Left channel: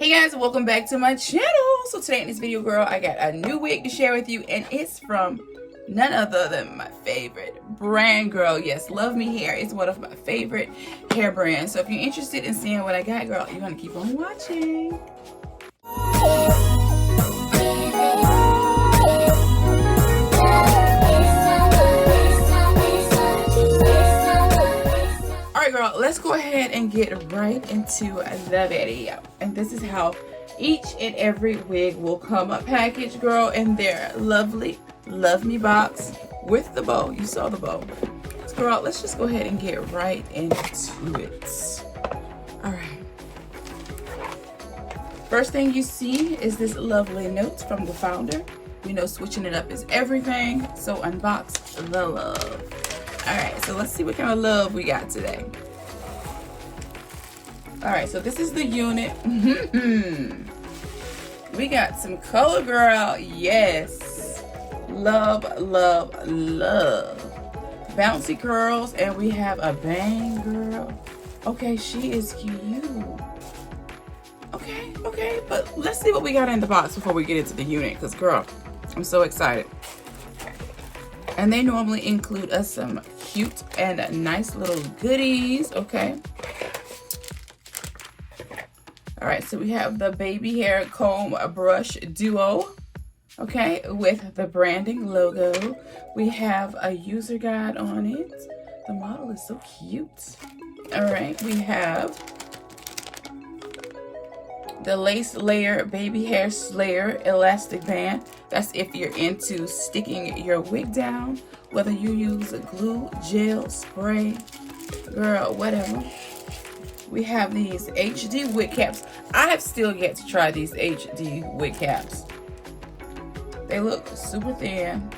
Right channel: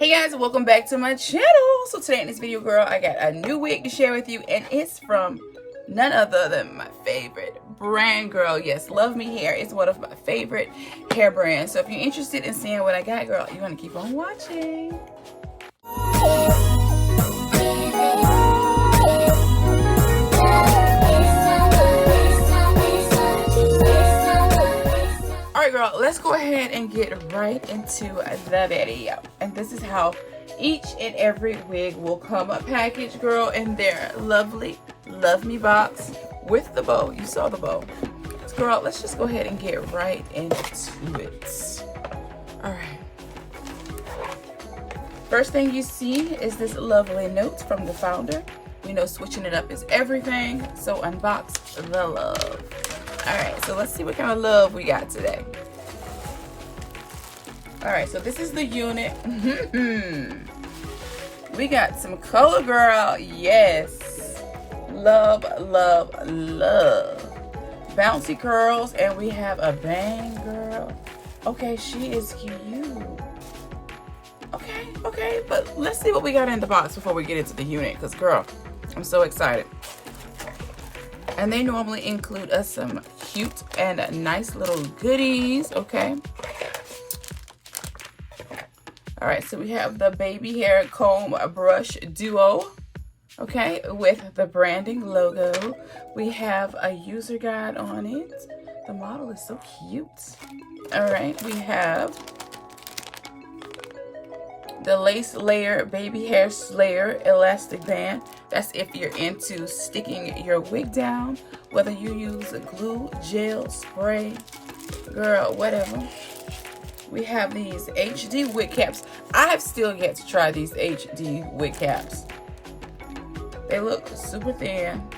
Hey guys, welcome back to my channel. So today in this video, girl, I got a new wig to share with you, and it's from none other than my favorite brand, girl. Yes, LuvMe Hair is one of my favorite hair brands. So if you're interested in seeing what I got, girl, you want to keep on watching. Alright, girl, let's go ahead and get right into the video. And this is how each and every wig will come packaged, girl, in their lovely LuvMe box with the bow. You saw the bow. So, girl, let's just go ahead and get right into it. Alright. First thing you see is this lovely note from the founder. You know, switching it up is everything. So unbox the love. Alright, so let's see what kind of love we got today. Alright, so this is the unit. We got some color, girl. Yes. Love, love, love. Bouncy curls, and we have a bang, girl. Okay, she is cute. Okay, but let's see what we got in the box before we get into the unit, because, girl, I'm so excited. And they normally include us some cute and nice little goodies, okay? All right, so we have the baby hair comb brush duo, okay, with the branding logo. We have a user guide on it. The model is so cute. All right, we have the lace layer baby hair slayer elastic band. That's if you're into sticking your wig down, whether you use glue, gel, spray, girl, whatever. We have these HD wig caps. I have still yet to try these HD wig caps. They look super thin.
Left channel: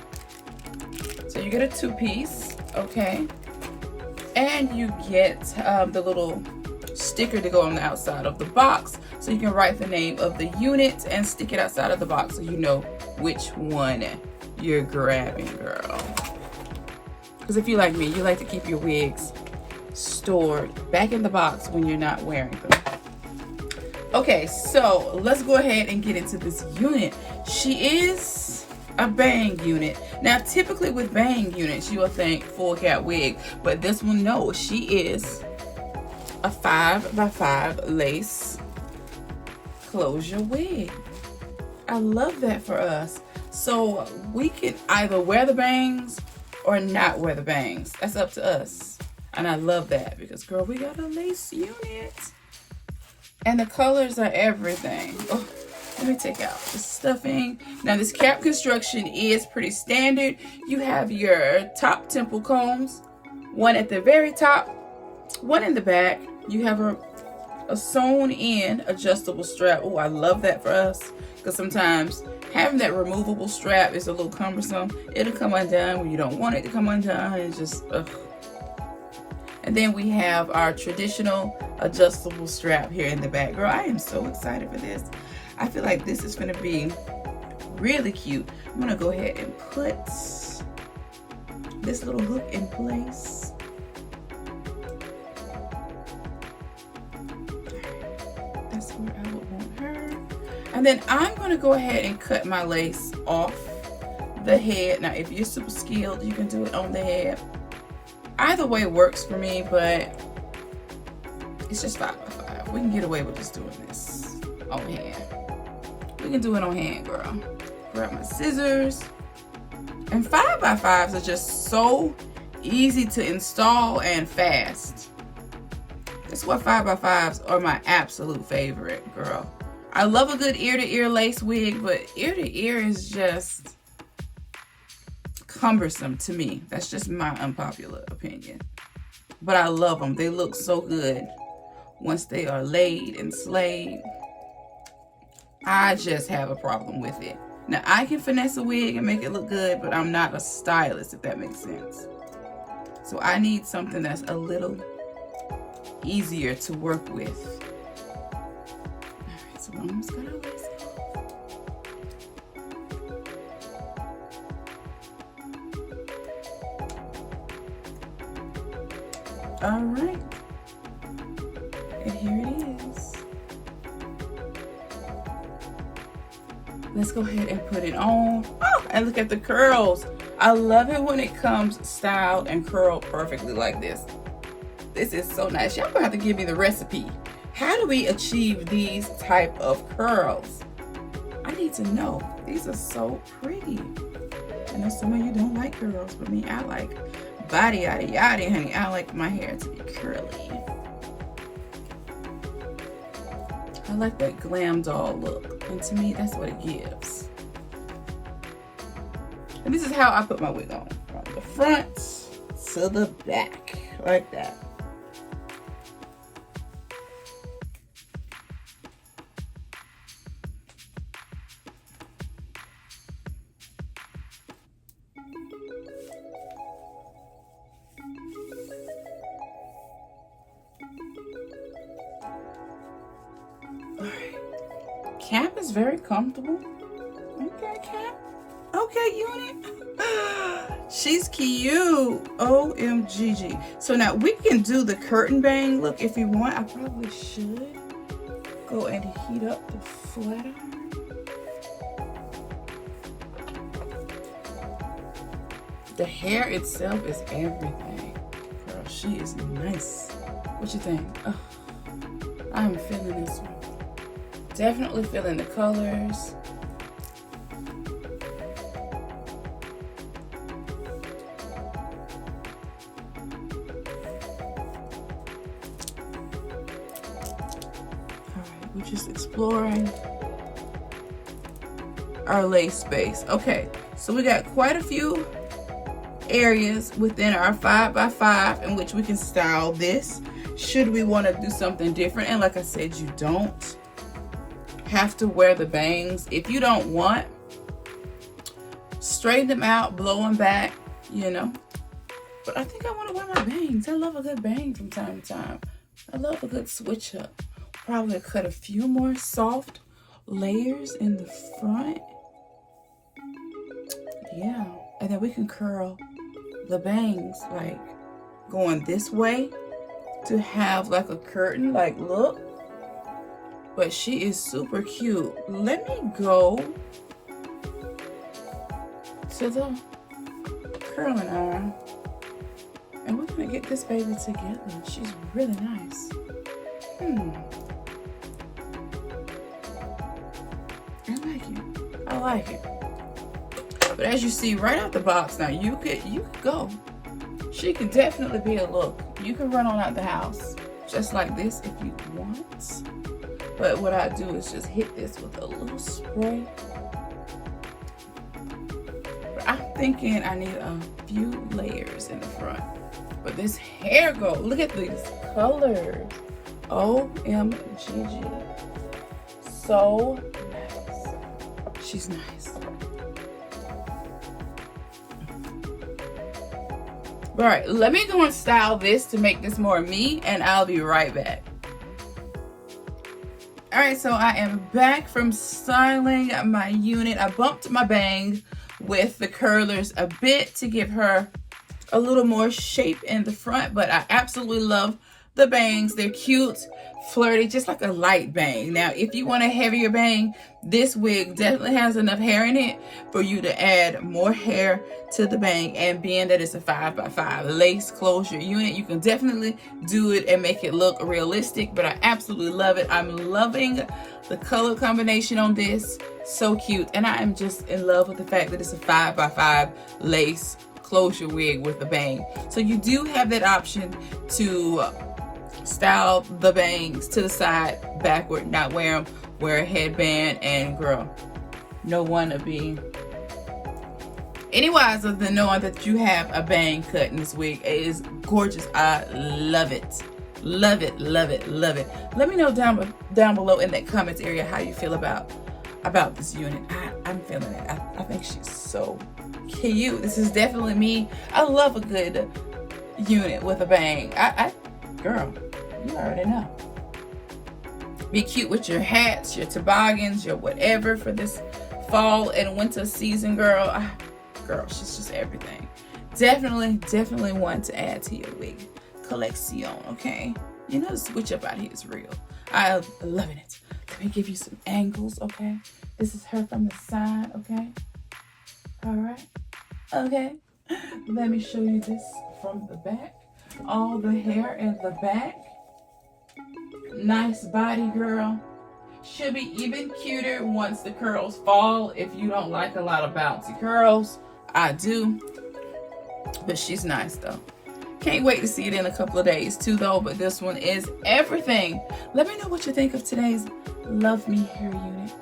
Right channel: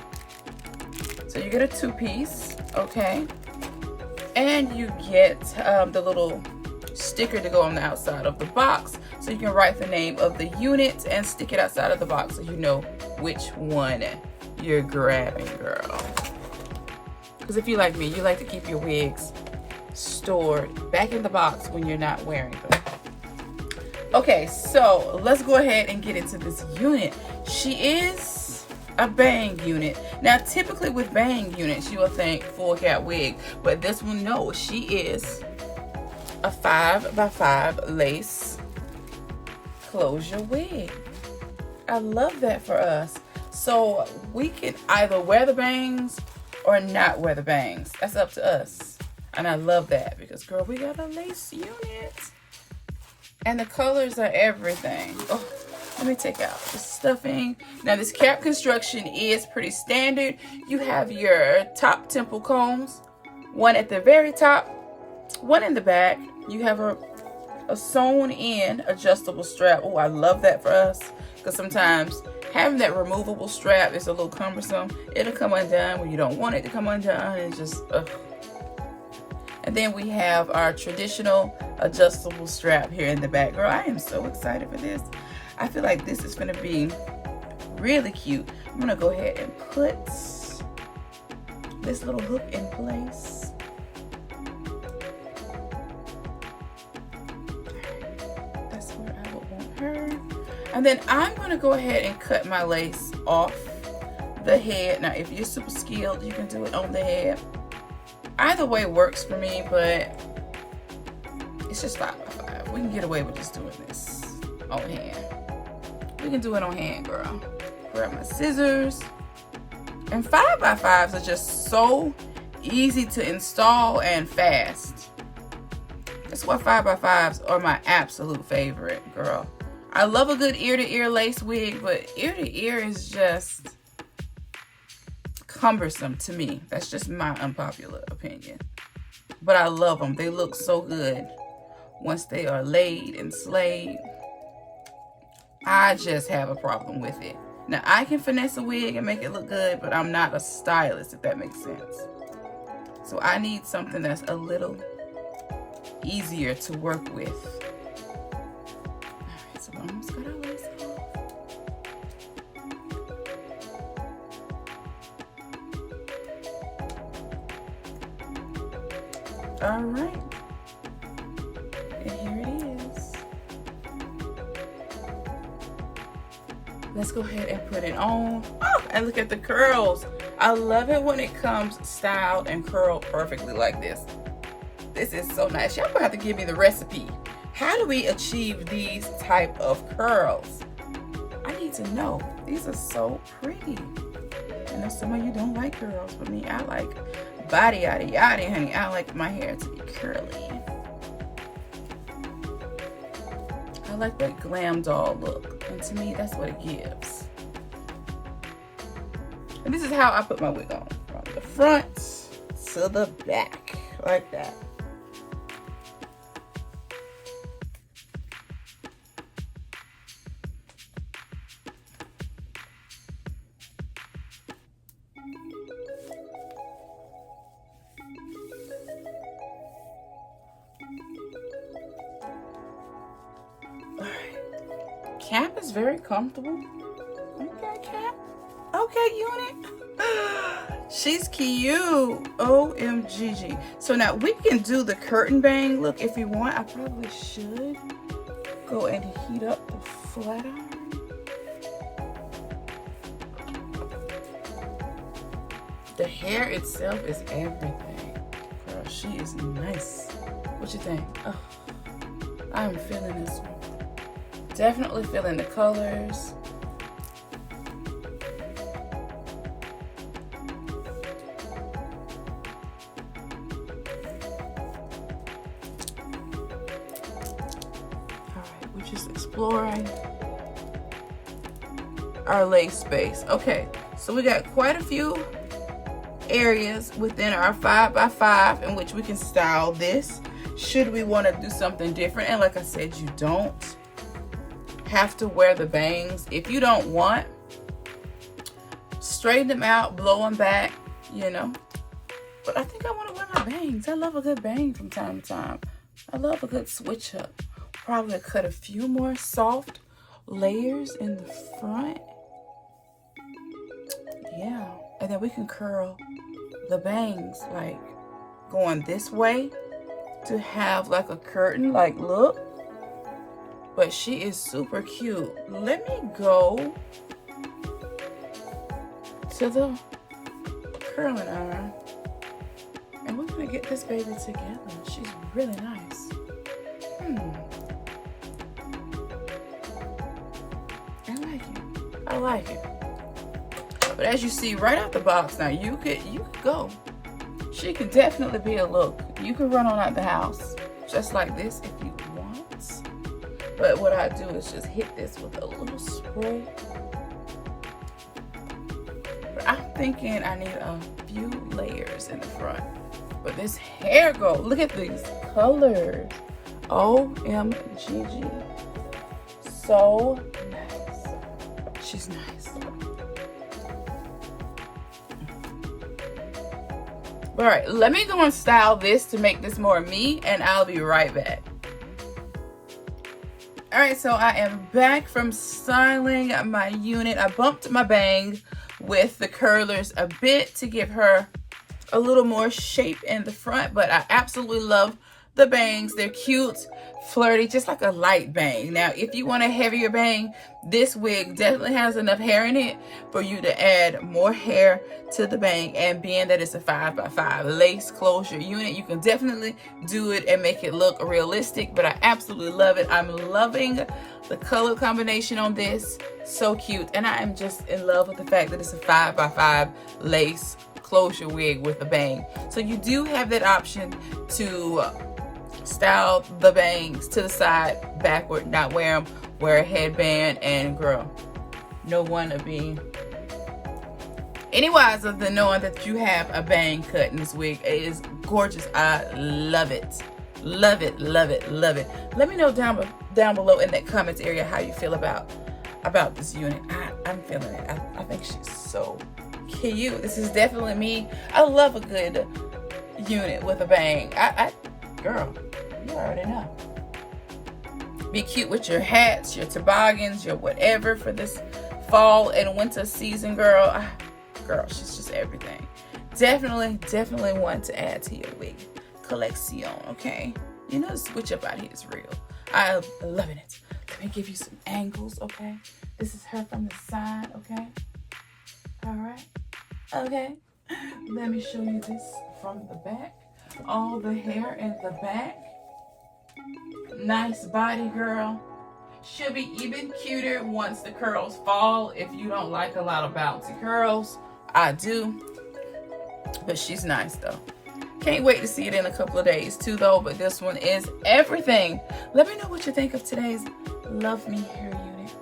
So you get a two-piece, okay? And you get the little sticker to go on the outside of the box, so you can write the name of the unit and stick it outside of the box so you know which one you're grabbing, girl. Because if you like me, you like to keep your wigs stored back in the box when you're not wearing them. Okay, so let's go ahead and get into this unit. She is a bang unit. Now, typically with bang units, you will think full cap wig, but this one, no, she is a 5x5 lace closure wig. I love that for us. So we can either wear the bangs or not wear the bangs. That's up to us. And I love that because, girl, we got a lace unit. And the colors are everything. Oh, let me take out the stuffing. Now, this cap construction is pretty standard. You have your top temple combs, one at the very top, one in the back. You have a sewn in adjustable strap. Oh, I love that for us, because sometimes having that removable strap is a little cumbersome. It'll come undone when you don't want it to come undone. It's just, ugh. And then we have our traditional adjustable strap here in the back. Girl, I am so excited for this. I feel like this is going to be really cute. I'm going to go ahead and put this little hook in place. That's where I would want her. And then I'm going to go ahead and cut my lace off the head. Now, if you're super skilled, you can do it on the head. Either way works for me, but it's just 5x5. We can get away with just doing this on hand. We can do it on hand, girl. Grab my scissors. And 5x5s are just so easy to install and fast. That's why 5x5s are my absolute favorite, girl. I love a good ear-to-ear lace wig, but ear-to-ear is just cumbersome to me. That's just my unpopular opinion. But I love them. They look so good once they are laid and slayed. I just have a problem with it. Now, I can finesse a wig and make it look good, but I'm not a stylist, if that makes sense. So I need something that's a little easier to work with. All right, so I'm just gonna lace off. All right, and here it is. let's go ahead and put it on. Oh, and look at the curls. I love it when it comes styled and curled perfectly like this. This is so nice. Y'all gonna have to give me the recipe. How do we achieve these type of curls? I need to know. These are so pretty. I know some of you don't like curls, but me, I like body yada yada, honey. I like my hair to be curly. I like that glam doll look, and to me, that's what it gives. And this is how I put my wig on, from the front to the back, like that. Cap is very comfortable. Okay, Cap. Okay, unit. She's cute. OMGG. So now we can do the curtain bang look if you want. I probably should go and heat up the flat iron. The hair itself is everything. Girl, she is nice. What you think? Oh, I'm feeling this one. Definitely feeling the colors. Alright, we're just exploring our lace space. Okay, so we got quite a few areas within our 5x5 in which we can style this. Should we want to do something different, and like I said, you don't have to wear the bangs. If you don't want, straighten them out, blow them back, you know. But I think I want to wear my bangs. I love a good bang from time to time. I love a good switch up. Probably cut a few more soft layers in the front. Yeah, and then we can curl the bangs like going this way to have like a curtain like look. But she is super cute. Let me go to the curling iron, and we're gonna get this baby together. She's really nice. I like it. But as you see right out the box now, you could go. She can definitely be a look. You can run on out the house just like this if you want. But what I do is just hit this with a little spray. But I'm thinking I need a few layers in the front. But this hair go, look at these colors. OMGG. So nice. She's nice. All right, let me go and style this to make this more me, and I'll be right back. All right, so I am back from styling my unit. I bumped my bang with the curlers a bit to give her a little more shape in the front, but I absolutely love the bangs. They're cute, flirty, just like a light bang. Now, if you want a heavier bang, this wig definitely has enough hair in it for you to add more hair to the bang. And being that it's a 5x5 lace closure unit, you can definitely do it and make it look realistic, but I absolutely love it. I'm loving the color combination on this. So cute. And I am just in love with the fact that it's a 5x5 lace closure wig with a bang. So you do have that option to style the bangs to the side, backward, not wear them, wear a headband, and girl, no one to be any wiser than knowing that you have a bang cut in this wig. It is gorgeous. I love it. Love it, love it, love it. Let me know down below in that comments area how you feel about this unit. I'm feeling it. I think she's so cute. This is definitely me. I love a good unit with a bang. Girl, you already know. Be cute with your hats, your toboggans, your whatever for this fall and winter season, girl. Girl, she's just everything. Definitely one to add to your wig collection, okay? You know the switch up out here is real. I'm loving it. Let me give you some angles, okay? This is her from the side, okay? All right, okay. Let me show you this from the back. All the hair in the back. Nice body, girl. She'll be even cuter once the curls fall. If you don't like a lot of bouncy curls, I do. But she's nice though. Can't wait to see it in a couple of days too though, but this one is everything. Let me know what you think of today's LuvMe hair unit.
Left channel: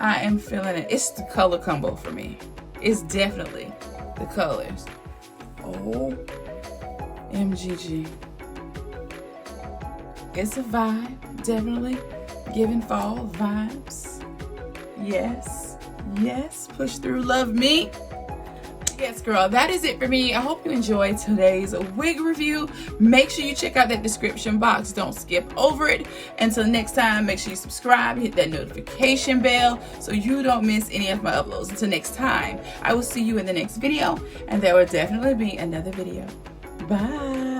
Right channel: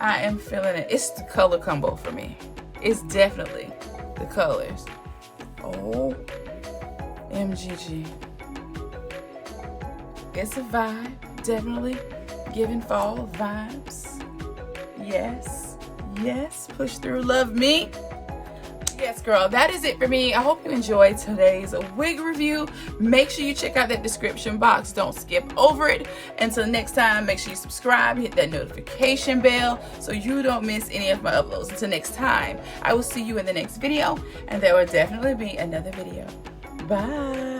I am feeling it. It's the color combo for me. It's definitely the colors. Oh, MGG. It's a vibe, definitely giving fall vibes. Yes, yes, push through, LuvMe. Yes, girl, that is it for me. I hope you enjoyed today's wig review. Make sure you check out that description box. Don't skip over it. Until next time, make sure you subscribe, hit that notification bell so you don't miss any of my uploads. Until next time, I will see you in the next video, and there will definitely be another video. Bye.